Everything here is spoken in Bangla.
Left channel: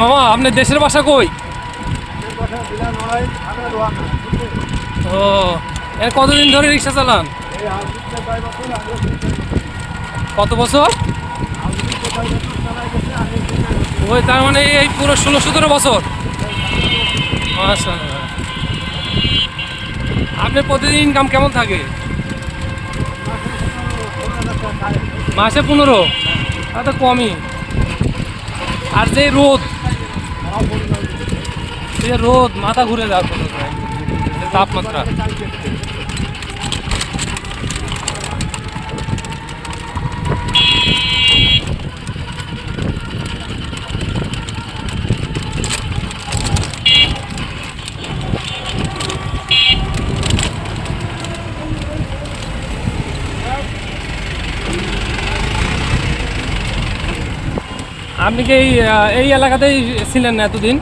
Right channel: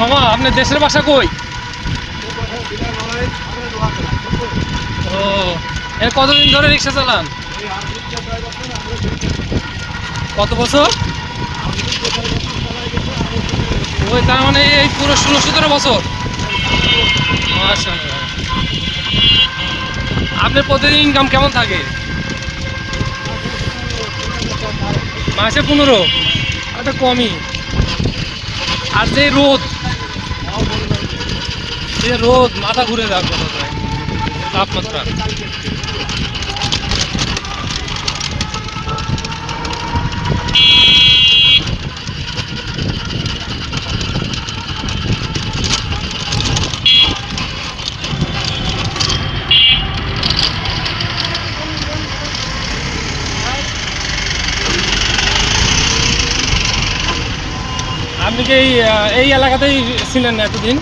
মামা আপনার দেশের বাসা কই? ও, এর কতদিন ধরে রিক্সা চালান? কত বছর? ওই তার মানে এই পুরো 16-17 বছর। মাশাআল্লাহ। আপনার প্রতিদিন ইনকাম কেমন থাকে? মাসে 15? আর তো কমই। আর যে রোদ, এই যে রোদ মাথা ঘুরে যাওয়ার কথা প্রায়, তাপমাত্রা। আপনি কি এই এলাকাতেই ছিলেন না এতদিন?